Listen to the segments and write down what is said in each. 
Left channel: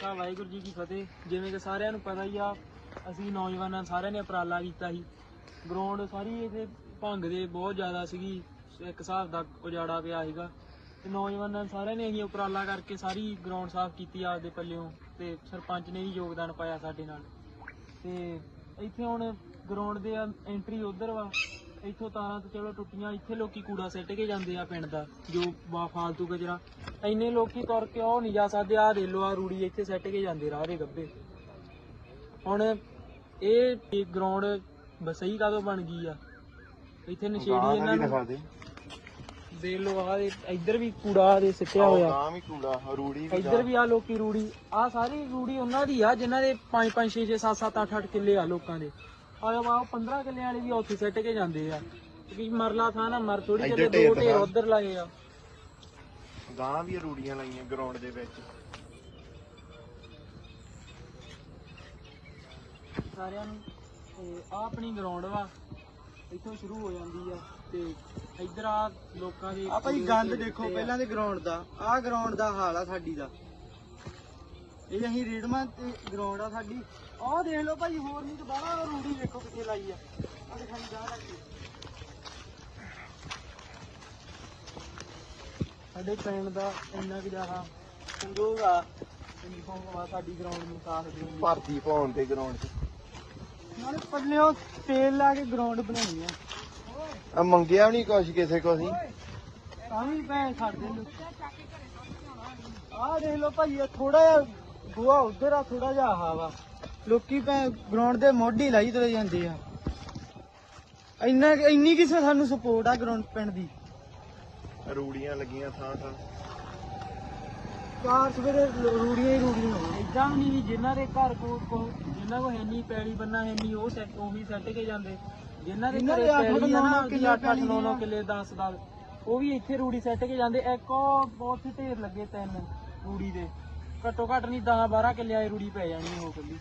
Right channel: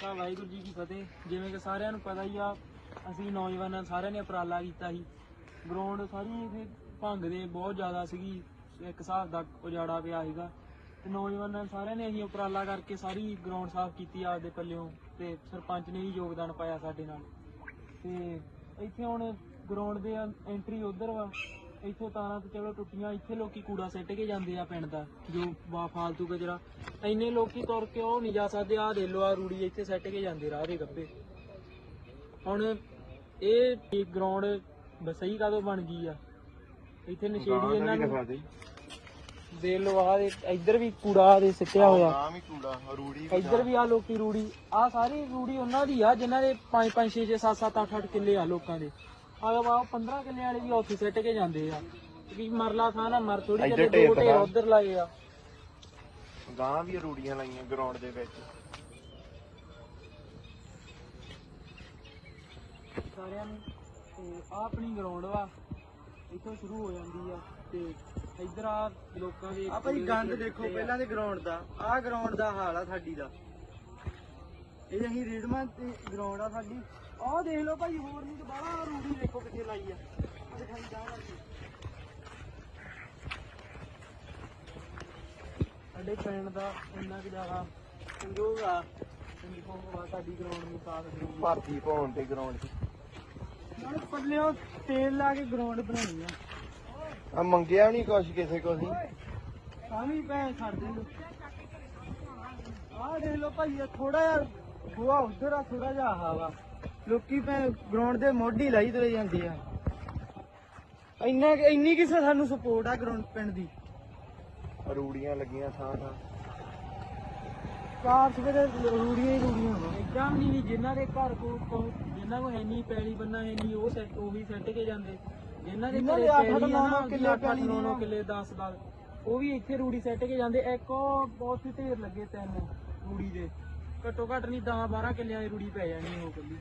ਕਾ ਵਾਹਿਗੁਰੂ ਜੀ ਕੀ ਫਤਿਹ। ਜਿਵੇਂ ਕਿ ਸਾਰਿਆਂ ਨੂੰ ਪਤਾ ਹੀ ਆ, ਅਸੀਂ ਨੌਜਵਾਨਾਂ ਸਾਰਿਆਂ ਨੇ ਉਪਰਾਲਾ ਕੀਤਾ ਸੀ। ਗਰਾਊਂਡ ਸਾਰੀ ਇਹਦੇ ਭੰਗ ਦੇ ਬਹੁਤ ਜ਼ਿਆਦਾ ਸੀਗੀ, ਇੱਕ ਹਿਸਾਬ ਦਾ ਉਜਾੜਾ ਪਿਆ ਸੀਗਾ। ਤੇ ਨੌਜਵਾਨਾਂ ਸਾਰਿਆਂ ਨੇ ਅਸੀਂ ਉਪਰਾਲਾ ਕਰਕੇ ਸਾਰੀ ਗਰਾਊਂਡ ਸਾਫ਼ ਕੀਤੀ ਆਪਦੇ ਪੱਲਿਓਂ ਤੇ ਸਰਪੰਚ ਨੇ ਵੀ ਯੋਗਦਾਨ ਪਾਇਆ ਸਾਡੇ ਨਾਲ। ਤੇ ਇੱਥੇ ਹੁਣ ਗਰਾਊਂਡ ਦੇ ਐਂਟਰੀ ਉਧਰ ਵਾ। ਇੱਥੋਂ ਤਾਰਾਂ ਤੇ ਚਲੋ ਟੁੱਟੀਆਂ ਇੱਥੇ ਲੋਕੀ ਕੂੜਾ ਸਿੱਟ ਕੇ ਜਾਂਦੇ ਆ ਪਿੰਡ ਦਾ ਜੋ ਵਾ ਫਾਲਤੂ ਕਚਰਾ ਇੰਨੇ ਲੋਕੀ ਤੁਰ ਕੇ ਉਹ ਨਹੀਂ ਜਾ ਸਕਦੇ ਆ ਦੇ ਲੋ ਆ ਰੂੜੀ ਇੱਥੇ ਸਿੱਟ ਕੇ ਜਾਂਦੇ ਰਾਹ ਦੇ ਗੱਬੇ। ਹੁਣ ਇਹ ਗਰਾਊਂਡ ਬਸਈ ਕਾਦੋਂ ਬਣ ਗਈ ਆ? ਇੱਥੇ ਨਸ਼ੇੜੀ ਇਹਨਾਂ ਨੂੰ ਦੇ ਲੋ ਆ ਇੱਧਰ ਵੀ ਕੂੜਾ ਦੇ ਸਿੱਟਿਆ ਹੋਇਆ। ਹੀ ਕੂੜਾ ਰੂੜੀ ਵੀ ਇੱਧਰ ਵੀ ਆ ਲੋਕੀ ਰੂੜੀ ਆ ਸਾਰੀ ਰੂੜੀ ਉਹਨਾਂ ਦੀ ਆ ਜਿਨ੍ਹਾਂ ਦੇ 5 5 6 6 7 7 8 8 ਕਿੱਲੇ ਆ ਲੋਕਾਂ ਦੇ। ਆ ਵਾ 15 ਕਿੱਲੇ ਵਾਲੇ ਵੀ ਉੱਥੇ ਸਿੱਟ ਕੇ ਜਾਂਦੇ ਆ। ਕਿ ਮਰਲਾ ਥਾਂ ਨਾ ਮਰ ਥੋੜੀ ਚੱਲੇ ਦੋ ਢੇਰ। ਉਧਰ ਲਾਏ ਆ। ਗਾਂ ਵੀ ਰੂੜੀਆਂ ਲਾਈਆਂ ਗਰਾਊਂਡ ਦੇ ਵਿੱਚ। ਸਾਰਿਆਂ ਨੂੰ ਤੇ ਆ ਆਪਣੀ ਗਰਾਊਂਡ ਵਾ ਇੱਥੋਂ ਸ਼ੁਰੂ ਹੋ ਜਾਂਦੀ ਆ ਤੇ ਇੱਧਰ ਆ ਲੋਕਾਂ ਦੇ ਆ ਭਾਈ ਗੰਦ ਦੇਖੋ ਪਹਿਲਾਂ ਦੇ ਗਰਾਊਂਡ ਦਾ ਆਹ ਗਰਾਊਂਡ ਦਾ ਹਾਲ ਆ ਸਾਡੀ ਦਾ। ਇਹ ਅਸੀਂ ਰੀਡਮਾਂ ਤੇ ਗਰਾਊਂਡ ਆ ਸਾਡੀ। ਆਹ ਦੇਖ ਲਓ ਭਾਈ ਹੋਰ ਨਹੀਂ ਤਾਂ ਬਾਹਰ ਰੂੜੀ ਦੇਖੋ ਕਿੱਥੇ ਲਾਈ ਆ। ਆ ਦਿਖਾਈ ਜਾ ਲੱਗੀ ਸਾਡੇ ਪਿੰਡ ਦਾ ਇੰਨਾ ਕਿ ਜ਼ਿਆਦਾ ਸੰਜੋਗ ਆ ਸੰਜੋਗ ਆ ਸਾਡੀ ਗਰਾਊਂਡ ਨੂੰ ਸਾਫ਼ ਕਰੀ ਭਾਰਤੀ ਪਾਉਣ ਤੇ ਗਰਾਊਂਡ ਤੇ। ਨਾਲ ਪੱਲਿਓ ਤੇਲ ਲਾ ਕੇ ਗਰਾਊਂਡ ਬਣਾਉਣੀ ਆ। ਆ ਮੰਗਿਆ ਨਹੀਂ ਕੁਛ ਕਿਸੇ ਕੋ ਅਸੀਂ। ਤਾਂ ਵੀ ਭੈਣ ਛੱਡ ਦੇ ਦੇਖ ਲਓ ਭਾਈ ਥੋੜਾ ਜਿਹਾ ਗੋਆ ਉਧਰ ਆ ਥੋੜਾ ਜਿਹਾ ਆਹ ਵਾ। ਲੋਕੀ ਭੈਣ ਗਰਾਊਂਡ ਦੇ ਮੋਢੀ ਲਾਈ ਤਰੇ ਜਾਂਦੇ ਆ। ਇੰਨਾ ਇੰਨੀ ਕਿਸੇ ਸਾਨੂੰ ਸਪੋਰਟ ਆ ਗਰਾਊਂਡ ਪਿੰਡ ਦੀ। ਰੂੜੀਆਂ ਲੱਗੀਆਂ ਥਾਂ ਥਾਂ। ਕਾਰ ਸਵੇਰੇ ਰੂੜੀਆਂ ਹੀ ਰੂੜੀਆਂ ਵਾ। ਇਦਾਂ ਵੀ ਨਹੀਂ ਜਿਨ੍ਹਾਂ ਦੇ ਘਰ ਕੋ ਕੋ- ਜਿਨ੍ਹਾਂ ਕੋ ਹੈ ਨਹੀਂ ਪੈਲੀ ਬੰਨਾ ਹੈ ਨਹੀਂ ਉਹ ਸੈੱਟ ਉਹ ਵੀ ਸੈੱਟ ਕੇ ਜਾਂਦੇ। ਜਿਨ੍ਹਾਂ ਦੇ ਘਰੇ ਪੈਲੀ ਆ ਨੌ ਨਾ ਨੌ ਕਿੱਲੇ ਕਿੱਲੇ 8 9 9 ਪੈਲੀ ਕਿੱਲੇ 10 10 ਉਹ ਵੀ ਇੱਥੇ ਰੂੜੀ ਸੈੱਟ ਕੇ ਜਾਂਦੇ। ਇੱਕ ਬਹੁਤ ਹੀ ਢੇਰ ਲੱਗੇ ਤਿੰਨ ਰੂੜੀ ਦੇ। ਘੱਟੋ ਘੱਟ ਨਹੀਂ 10 12 ਕਿੱਲਿਆਂ ਦੀ ਰੂੜੀ ਪੈ ਜਾਣੀ ਉਹ ਕੱਲੀ।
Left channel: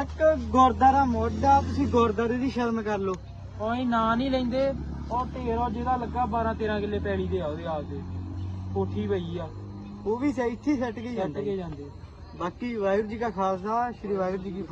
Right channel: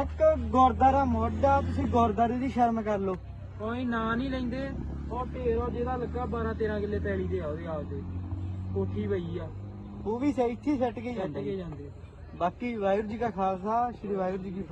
ਇੱਕ ਗੁਰਦਾਰਾ ਮੋਢਾ ਤੁਸੀਂ ਗੁਰਦਾਰੇ ਦੀ ਸ਼ਰਮ ਕਰ ਲਓ। ਕੋਈ ਨਾਂ ਨਹੀਂ ਲੈਂਦੇ। ਉਹ ਢੇਰ ਜਿਹੜਾ ਲੱਗਾ 12 13 ਕਿੱਲੇ ਪੈਲੀ ਦੇ ਆ ਉਹਦੇ ਆਪਦੇ ਕੋਠੀ ਪਈ ਆ। ਉਹ ਵੀ ਸ- ਇੱਥੇ ਸੈੱਟ ਕੇ ਸੈੱਟ ਜਾਂਦੇ ਕੇ ਜਾਂਦੇ। ਬਾਕੀ ਵਾਹਿਗੁਰੂ ਜੀ ਕਾ ਖਾਲਸਾ ਸ੍ਰੀ ਵਾਹਿਗੁਰੂ ਜੀ ਕੀ